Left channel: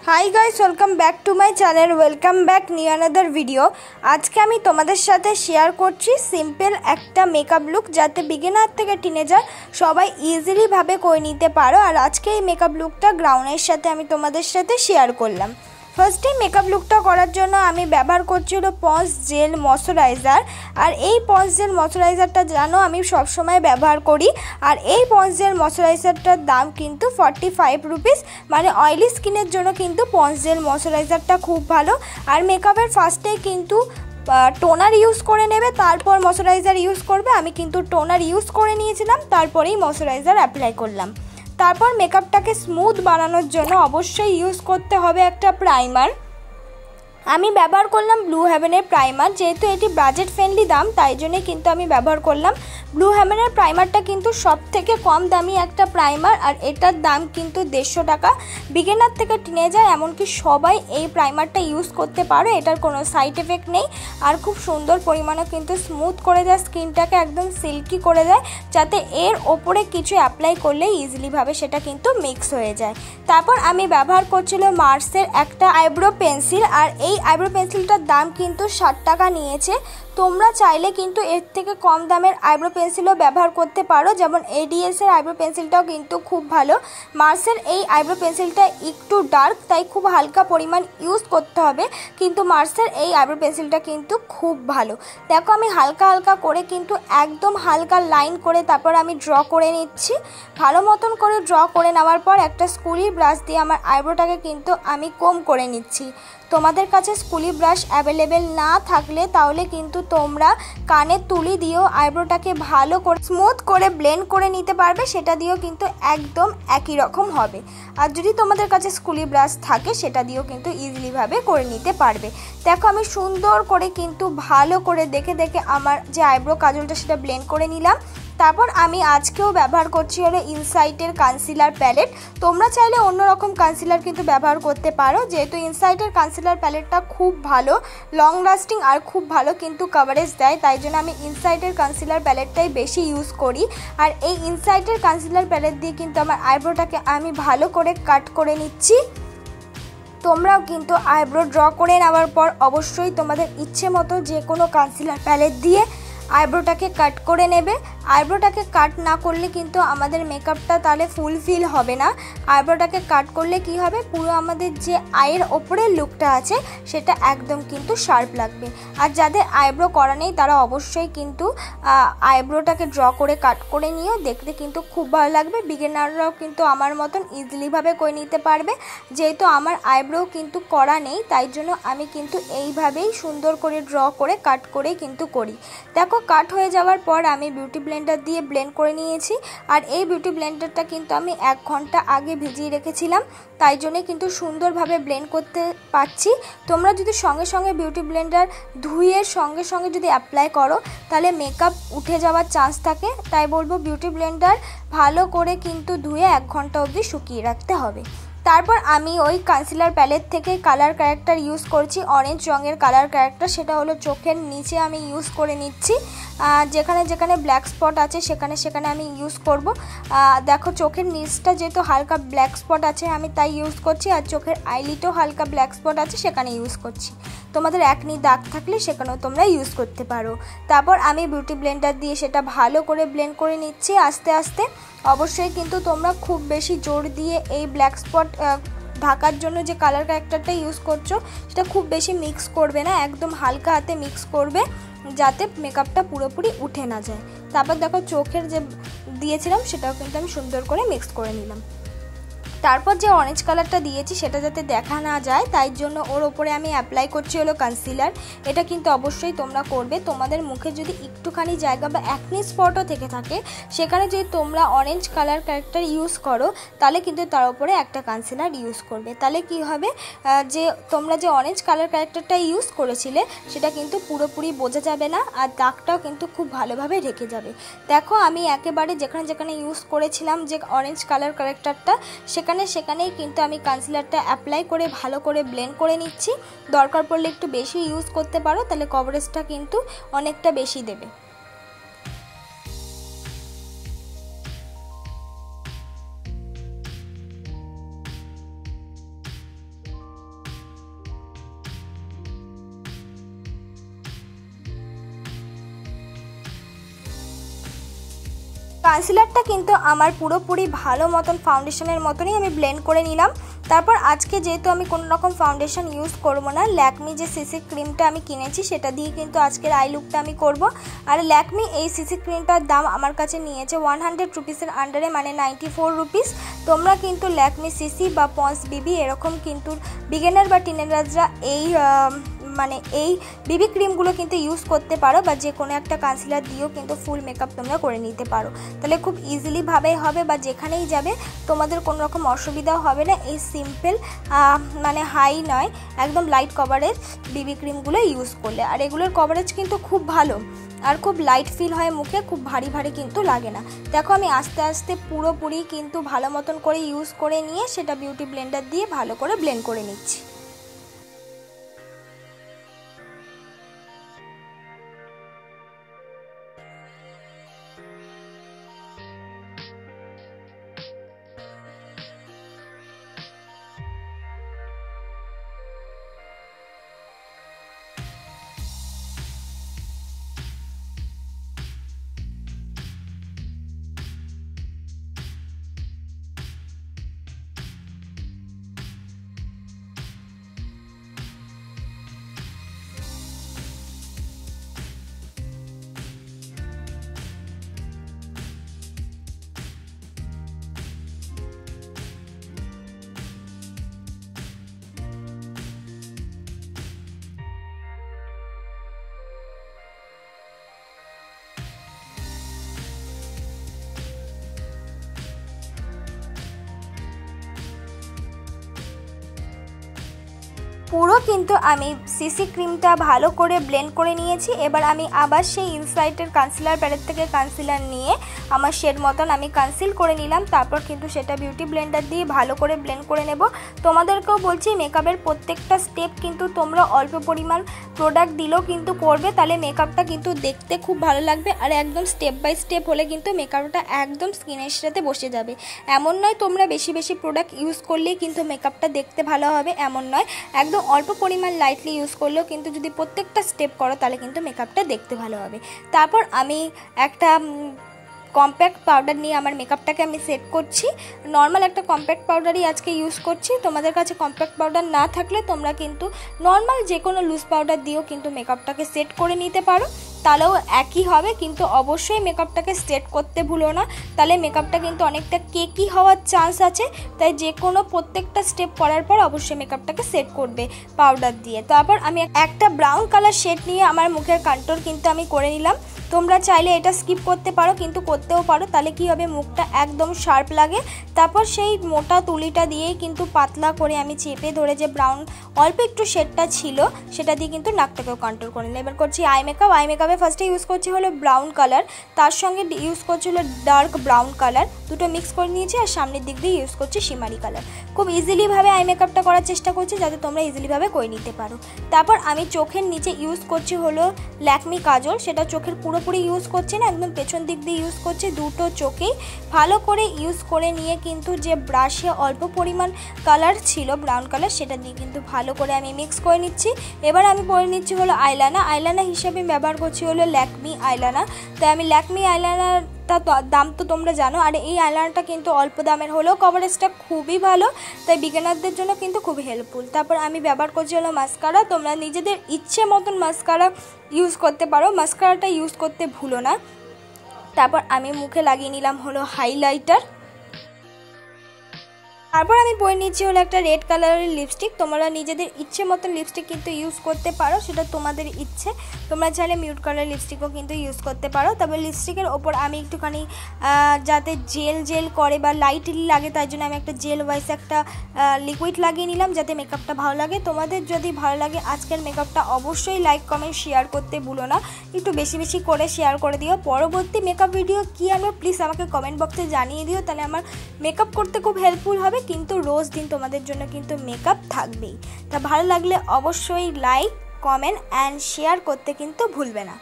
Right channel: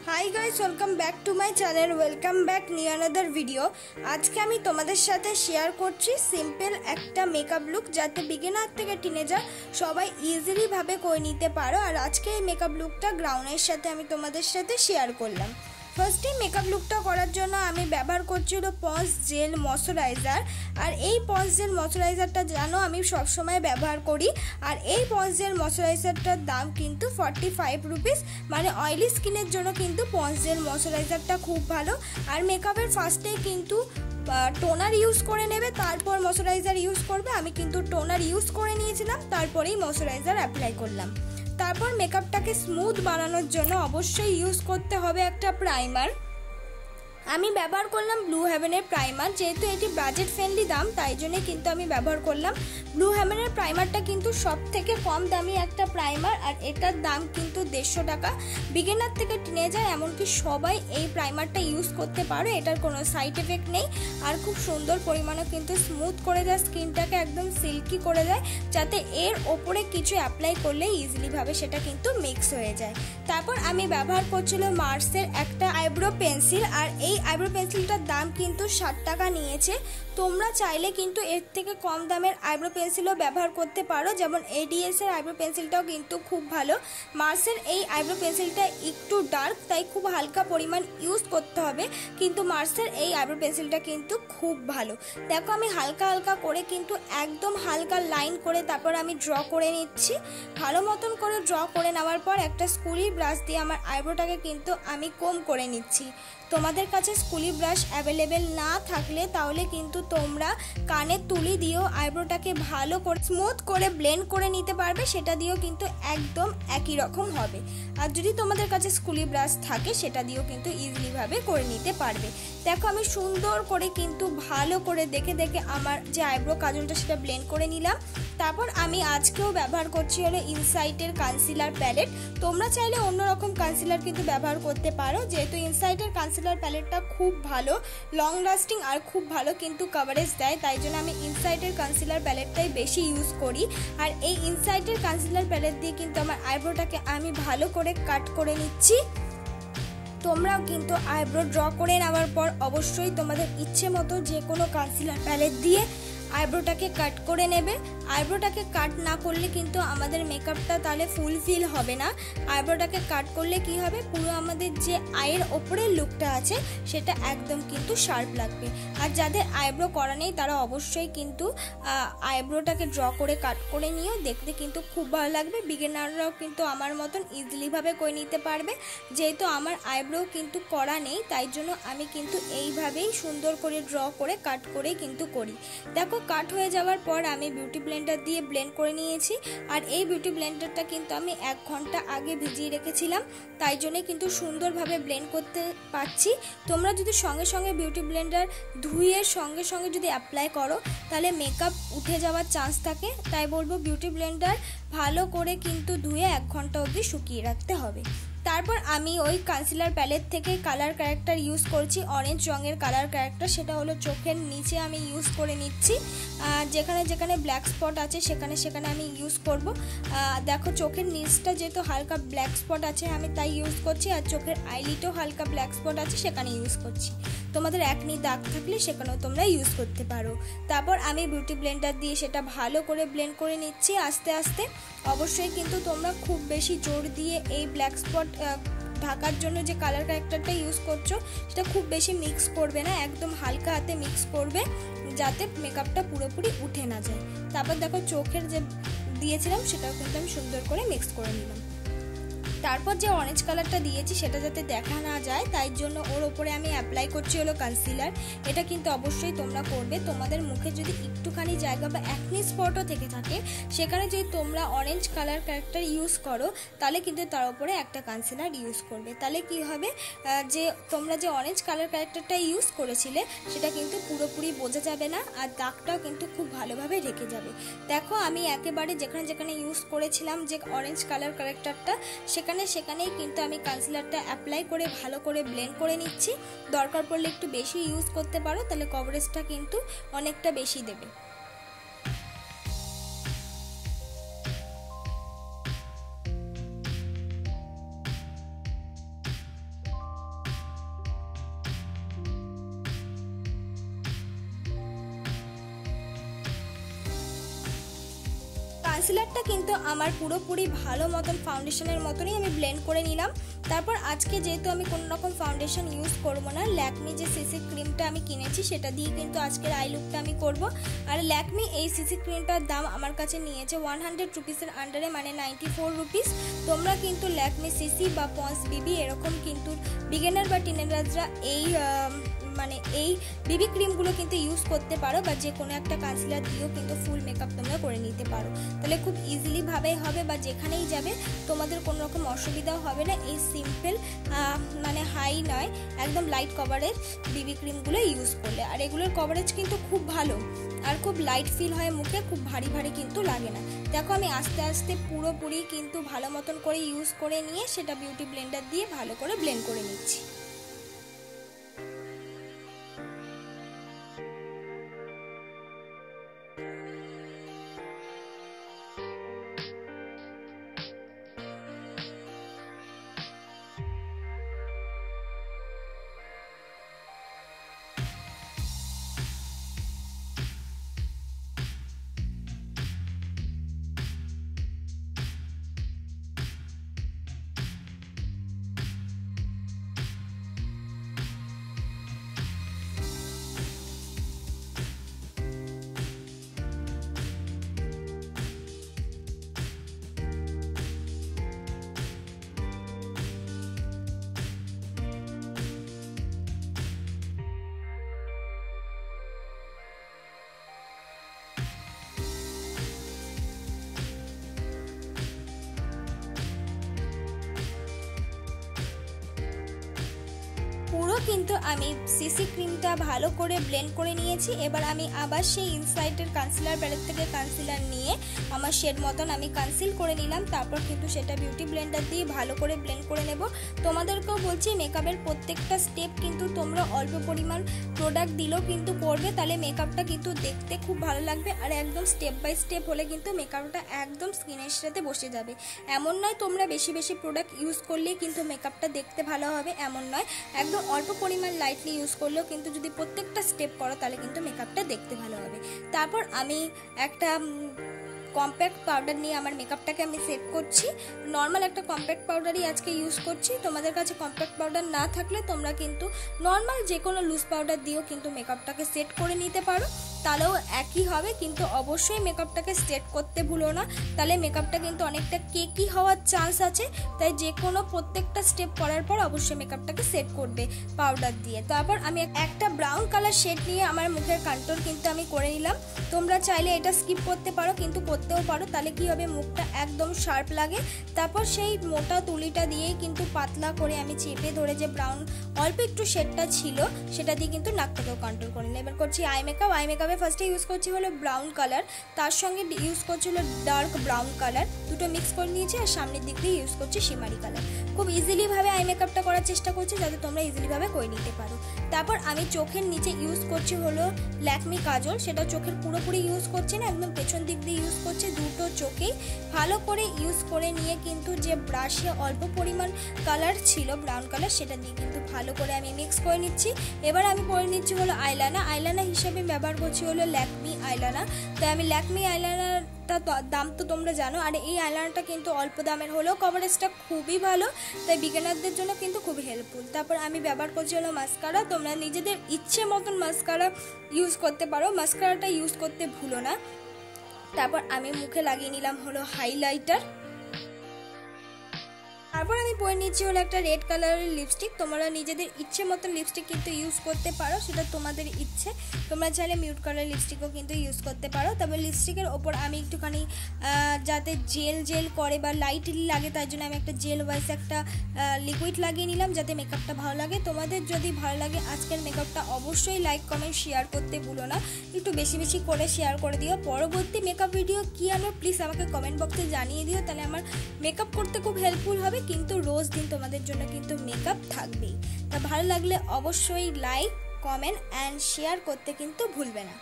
High guys, welcome back to my channel. Welcome back new another video. आज के आमी तोमादेर साथे शेयर करछि सिम्पल एकटा मेकअप लुक जाते बिगिनार थेके टिनेजार सबाई इजिली भावे करे निते पारो। और आज के मेकअप लुकटा ग्राउंडेर साथे आमी तोमादेर साथे शेयर करलाम। फार्स्टे मेकअप लुकटा करार जोन्नो आमी व्यवहार करछि हलो पन्स जेल मयश्चाराइजार। और এই পন্স জেল ময়শ্চারাইজারটা জানো আমি সব সময় ব্যবহার করি। আর এই পন্স জেল ময়শ্চারাইজারটার দাম কিন্তু 45 রুপিস, মানে অয়েলি স্কিনের জন্য কিন্তু পন্স জেল ময়শ্চারাইজারটা খুব ভালো। আর মেকআপের ফার্স্টে কিন্তু টোনার ইউজ করে নেবে, তারপর ময়শ্চারাইজার ইউজ করবে। আমি কিন্তু টোনার ইউজ করে নিয়েছিলাম, তারপরেই ময়শ্চারাইজার অ্যাপ্লাই করলাম। তারপর মেকআপটাকে স্মুথ বানানোর জন্য অবশ্যই ইউজ করতে হবে একটা প্রাইমার। আমি ব্যবহার করলাম ব্লু হেভেনের প্রাইমার। যেহেতু এটি বাজেট ফ্রেন্ডলি দাম, তাই জন্য কিন্তু আমি ব্যবহার করলাম ব্লু হেভেনের প্রাইমারটা। কিন্তু সব থেকে কম দামি একটা প্রাইমার, আর এটার দাম কিন্তু 150 টাকা। বিগিনার থেকে টিনেজার এমনকি সবাই এই প্রাইমারটা ইউজ করতে পারো। এটার কোনো সাইড এফেক্ট নেই, আর খুব সুন্দর পরিমাণে কিন্তু স্মুথ করে দেয়, স্কিনটাকে একদম সিল্কি করে দেয়, যাতে এর ওপরে কিছু অ্যাপ্লাই করলে ইজিলিভাবে সেটা কিন্তু মিক্স হয়ে যায়। তারপর আমি ব্যবহার করছিলাম মার্সের একটা আইব্রো পেন্সিল। আর এই আইব্রো পেন্সিলটার দাম কিন্তু 60 টাকা নিয়েছে। তোমরা চাইলে কিন্তু এর থেকে কম দামের আইব্রো পেন্সিলও ব্যবহার করতে পারো, যেমন এডিএস এর আইব্রো পেন্সিলটাও কিন্তু খুব ভালো। মার্সের এই আইব্রো পেন্সিলটা একটু ডার্ক, তাই খুব হালকা পরিমাণ ইউজ করতে হবে, কিন্তু মার্সের এই আইব্রো পেন্সিলটা কিন্তু খুব ভালো। দেখো আমি হালকা হালকা করে কিন্তু একদম হালকা লাইন করে তারপর আমি ড্র করে নিচ্ছি। ভালো মতন করে ড্র করে নেওয়ার পর একটা স্কুলি ব্রাশ দিয়ে আমার আইব্রোটাকে কিন্তু আমি কম করে নিচ্ছি। তোমাদের কাছে স্কুলি ব্রাশ অ্যাভেলেবেল না থাকলে তাহলে কিন্তু তোমরা কানের তুলি দিয়েও আইব্রোটাকে ভালো করে স্মুথ করে ব্লেন্ড করে নিতে পারবে, সেটা দিয়েও কিন্তু একদম একই রকম হবে। আর যদি তোমাদের কাছে স্কুলি ব্রাশ থাকে সেটা দিয়েও কিন্তু ইজিলিভাবে করে নিতে পারবে। দেখো আমি সুন্দর করে কিন্তু ভালো করে দেখে দেখে আমার যে আইব্রো কাজলটা সেটা ব্লেন্ড করে নিলাম। তারপর আমি আজকেও ব্যবহার করছি হলো ইনসাইটের কনসিলার প্যালেট। তোমরা চাইলে অন্যরকম কনসিলার কিন্তু ব্যবহার করতে পারো, যেহেতু ইনসাইটের কনসিলার প্যালেটটা খুব ভালো, লং লাস্টিং আর খুব ভালো কিন্তু কভারেজ দেয়, তাই জন্য আমি ইনসাইটের কনসিলার প্যালেটটাই বেশি ইউজ করি। আর এই ইনসাইটের কনসিলার প্যালেট দিয়ে কিন্তু আমার আইব্রোটাকে আমি ভালো করে কাট করে নিচ্ছি। তোমরাও কিন্তু আইব্রো ড্র করে নেওয়ার পর অবশ্যই তোমাদের ইচ্ছে মতো যে কোনো কনসিলার প্যালেট দিয়ে আইব্রোটাকে কাট করে নেবে। আইব্রোটাকে কাট না করলে কিন্তু আমাদের মেকআপটা তাহলে ফুলফিল হবে না। আইব্রোটাকে কাট করলে কি হবে, পুরো আমাদের যে আইয়ের ওপরের লুকটা আছে সেটা একদম কিন্তু শার্প লাগবে। আর যাদের আইব্রো করা নেই তারা অবশ্যই কিন্তু আইব্রোটাকে ড্র করে কাট করে নিয়েও দেখতে কিন্তু খুব ভালো লাগবে। বিগিনাররাও কিন্তু আমার মতন ইজিলিভাবে করে নিতে পারবে। যেহেতু আমার আইব্রো কিন্তু করা নেই, তাই জন্য আমি কিন্তু এইভাবেই সুন্দর করে ড্র করে কাট করে কিন্তু করি। দেখো কাট হয়ে যাওয়ার পর আমি বিউটি ব্লেন্ডার দিয়ে ব্লেন্ড করে নিয়েছি। আর এই বিউটি ব্লেন্ডারটা কিন্তু আমি 1 ঘন্টা আগে ভিজিয়ে রেখেছিলাম, তাই জন্য কিন্তু সুন্দরভাবে ব্লেন্ড করতে পারছি। তোমরা যদি সঙ্গে সঙ্গে বিউটি ব্লেন্ডার ধুয়ে সঙ্গে সঙ্গে যদি অ্যাপ্লাই করো তাহলে মেকআপ উঠে যাওয়ার চান্স থাকে, তাই বলবো বিউটি ব্লেন্ডার ভালো করে কিন্তু ধুয়ে 1 ঘন্টা অবধি শুকিয়ে রাখতে হবে। তারপর আমি ওই কনসিলার প্যালেট থেকে কালার ক্যারেক্টার ইউজ করছি, অরেঞ্জ রঙের কালার ক্যারেক্টার, সেটা হলো চোখের নিচে আমি ইউজ করে নিচ্ছি। যেখানে যেখানে ব্ল্যাক স্পট আছে সেখানে সেখানে আমি ইউজ করব। দেখো চোখের নিচটা যেহেতু হালকা ব্ল্যাক স্পট আছে আমি তাই ইউজ করছি, আর চোখের আইলিটেও হালকা ব্ল্যাক স্পট আছে সেখানে ইউজ করছি। তোমাদের একনি দাগ থাকলে সেখানেও তোমরা ইউজ করতে পারো। তারপর আমি বিউটি ব্লেন্ডার দিয়ে সেটা ভালো করে ব্লেন্ড করে নিচ্ছি আস্তে আস্তে। অবশ্যই কিন্তু তোমরা খুব বেশি জোর দিয়ে এই ব্ল্যাক স্পট ঢাকার জন্য যে কালার ক্যারেক্টারটা ইউজ করছো সেটা খুব বেশি মিক্স করবে না, একদম হালকা হাতে মিক্স করবে যাতে মেকআপটা পুরোপুরি উঠে না যায়। তারপর দেখো চোখের যে দিয়েছিলাম সেটাও কিন্তু আমি সুন্দর করে মিক্স করে নিলাম। তারপর যে অরেঞ্জ কালারটা দিয়েছি সেটা যাতে দেখা না যায় তাই জন্য ওর ওপরে আমি অ্যাপ্লাই করছি হলো কনসিলার। এটা কিন্তু অবশ্যই তোমরা করবে। তোমাদের মুখে যদি একটুখানি জায়গা বা অ্যাকনি স্পটও থেকে থাকে সেখানে যদি তোমরা অরেঞ্জ কালার ক্যারেক্টার ইউজ করো তাহলে কিন্তু তার উপরে একটা কনসিলার ইউজ করবে। তাহলে কি হবে, যে তোমরা যে অরেঞ্জ কালার ক্যারেক্টারটা ইউজ করেছিলে সেটা কিন্তু পুরোপুরি বোঝা যাবে না, আর দাগটাও কিন্তু খুব ভালোভাবে ঢেকে যাবে। দেখো আমি একেবারে যেখানে যেখানে ইউজ করেছিলাম যে অরেঞ্জ কালার ক্যারেক্টারটা সেখানেই কিন্তু আমি কনসিলারটা অ্যাপ্লাই করে ভালো করে ব্লেন্ড করে নিচ্ছি। দরকার পড়লে একটু বেশি ইউজ করতে পারো, তাহলে কভারেজটা কিন্তু অনেকটা বেশি দেবে। কনসিলারটা কিন্তু আমার পুরোপুরি ভালো মতন ফাউন্ডেশনের মতনই আমি ব্লেন্ড করে নিলাম। তারপর আজকে যেহেতু আমি কোনো রকম ফাউন্ডেশন ইউজ করব না, ল্যাকমি যে সিসি ক্রিমটা আমি কিনেছি সেটা দিয়ে কিন্তু আজকের আই লুকটা আমি করব। আর ল্যাকমি এই সিসি ক্রিমটার দাম আমার কাছে নিয়েছে 100 রুপিসের আন্ডারে, মানে 94 রুপিস। তোমরা কিন্তু ল্যাকমি সিসি বা পন্স বিবি এরকম কিন্তু বিগিনার বা টিনেজাররা এই বিবি ক্রিমগুলো কিন্তু ইউজ করতে পারো, বা যে কোনো একটা কনসিলার দিয়েও কিন্তু ফুল মেকআপ তোমরা করে নিতে পারো। তাহলে খুব ইজিলি ভাবেই হবে, বা যেখানেই যাবে তোমাদের কোনো রকম অসুবিধাও হবে না এই সিম্পল হাই নয় একদম লাইট কভারের বিবি ক্রিমগুলো ইউজ করলে। আর এগুলোর কভারেজ কিন্তু খুব ভালো আর খুব লাইট ফিল হয় মুখে, খুব ভারী ভারী কিন্তু লাগে না। দেখো আমি আস্তে আস্তে পুরোপুরি কিন্তু ভালো মতন করে ইউজ করে নিয়ে সেটা বিউটি ব্লেন্ডার দিয়ে ভালো করে ব্লেন্ড করে নিচ্ছি। পুরো কিন্তু আমি সিসি ক্রিমটা ভালো করে ব্লেন্ড করে নিয়েছি। এবার আমি আবার সেই ইনসাইটের কনসিলার প্যালেট থেকে কনসিলার নিয়ে আমার শেড মতন আমি কনসিল করে নিলাম। তারপর কিন্তু সেটা বিউটি ব্লেন্ডার দিয়ে ভালো করে ব্লেন্ড করে নেব। তোমাদেরকেও বলছি মেকআপের প্রত্যেকটা স্টেপ কিন্তু তোমরা অল্প পরিমাণ প্রোডাক্ট দিলেও কিন্তু করবে, তাহলে মেকআপটা কিন্তু দেখতে খুব ভালো লাগবে। আর একদম স্টেপ বাই স্টেপ হলে কিন্তু মেকআপটা একদম স্কিনের সাথে বসে যাবে। এমন নয় তোমরা বেশি বেশি প্রোডাক্ট ইউজ করলেই কিন্তু মেকআপটা দেখতে ভালো হবে, এমন নয়। একদম অল্প পরিমাণ লাইটলি ইউজ করলেও কিন্তু যদি প্রত্যেকটা স্টেপ করো তাহলে কিন্তু মেকআপটা দেখতে ভালো হবে। তারপর আমি একটা কম্প্যাক্ট পাউডার নিয়ে আমার মেকআপটাকে আমি সেট করছি। নর্মাল একটা কম্প্যাক্ট পাউডারই আজকে ইউজ করছি। তোমাদের কাছে কম্প্যাক্ট পাউডার না থাকলে তোমরা কিন্তু নর্মাল যে কোনো লুজ পাউডার দিয়েও কিন্তু মেকআপটাকে সেট করে নিতে পারো, তাহলেও একই হবে। কিন্তু অবশ্যই মেকআপটাকে সেট করতে ভুলো না, তাহলে মেকআপটা কিন্তু অনেকটা কেকি হওয়ার চান্স আছে। তাই যে কোনো প্রত্যেকটা স্টেপ করার পর অবশ্যই মেকআপটাকে সেট করবে পাউডার দিয়ে। তারপর আমি একটা ব্রাউন কালার শেড নিয়ে আমার মুখের কন্ট্রোল কিন্তু আমি করে নিলাম। তোমরা চাইলে এটা স্কিপ করতে পারো, কিন্তু করতেও পারো, তাহলে কি হবে মুখটা একদম শার্প লাগে। তারপর সেই মোটা তুলিটা দিয়েই কিন্তু পাতলা করে আমি চেপে ধরে যে ব্রাউন অল্প একটু শেডটা ছিল সেটা দিয়ে কিন্তু নাকটাকেও কন্ট্রোল করে নিলাম। এবার করছি আই মেকআপ। আই মেকআপে ফার্স্টে ইউজ করছি হলো ব্রাউন কালার, তার সঙ্গে ইউজ করছি হলো ডার্ক ব্রাউন কালার, দুটো মিক্স করে নিয়েছি। আর সামনের দিক দিয়ে ইউজ করছি শিমারি কালার। খুব ইজিলি ভাবে আই মেকআপটা করার চেষ্টা করছি যাতে তোমরা ইজিলি ভাবে করে নিতে পারো। তারপর আমি চোখের নিচে ইউজ করছি হলো ল্যাকমি কাজল, সেটা চোখের পুরোপুরি ইউজ করছি না, একদম পেছন দিক দিয়ে ইউজ করছি। দুটো চোখেই ভালো করে ইউজ করে নিয়ে কিন্তু যে ব্রাশে অল্প পরিমাণ কালার ছিল ব্রাউন কালার সেটা দিয়ে কিন্তু ভালো করে আমি মিক্স করে নিচ্ছি। এবার আমি পরে নিচ্ছি হলো আইলাইনার। আইলাইনার হিসেবে ব্যবহার করছি হলো ল্যাকমি আইলাইনার। তাই আমি ল্যাকমি আইলাইনারটা দাম তো তোমরা জানো, আর এই আইলাইনারটা কিন্তু অল্প দামের হলেও কভারেজটা খুবই ভালো, তাই বিগিনারদের জন্য কিন্তু খুব হেল্পফুল। তারপর আমি ব্যবহার করছি হলো মাস্কারা। তোমরা নিজেদের ইচ্ছে মতন মাস্কারা ইউজ করতে পারো, মাস্কারাটা ইউজ করতে ভুলো না। তারপর আমি মুখে লাগিয়ে নিলাম হলো হাইলাইটার। তারপর আমি পরে নিচ্ছি হলো একটা রেড কালারের লিপস্টিক। তোমরা নিজেদের ইচ্ছে মতন লিপস্টিক কিন্তু ইউজ করতে পারো, সেটা তোমাদের ইচ্ছে। তোমরা চাইলে মিউট কালার লিপস্টিকও কিন্তু ইউজ করতে পারো। তারপর লিপস্টিকের ওপর আমি একটুখানি যাতে জেল করে বা লাইটলি লাগে তাই জন্য আমি একটা জেল ওয়াইজ একটা লিকুইড লাগিয়ে নিলাম যাতে মেকআপটা ভালো লাগে। তোমাদের যদি ভালো লাগে আজকের মেকআপটা অবশ্যই লাইক কমেন্ট শেয়ার করতে ভুলো না, একটু বেশি বেশি করে শেয়ার করে দিও। পরবর্তী মেকআপ ভিডিও কী আনবো প্লিজ আমাকে কমেন্ট বক্সে জানিয়ে দিও, তাহলে আমার মেকআপ করতে খুব হেল্পফুল হবে। কিন্তু রোজ দিন তোমাদের জন্য কিন্তু মেকআপ থাকবেই। তা ভালো লাগলে অবশ্যই লাইক কমেন্ট অ্যান্ড শেয়ার করতে কিন্তু ভুলবে না।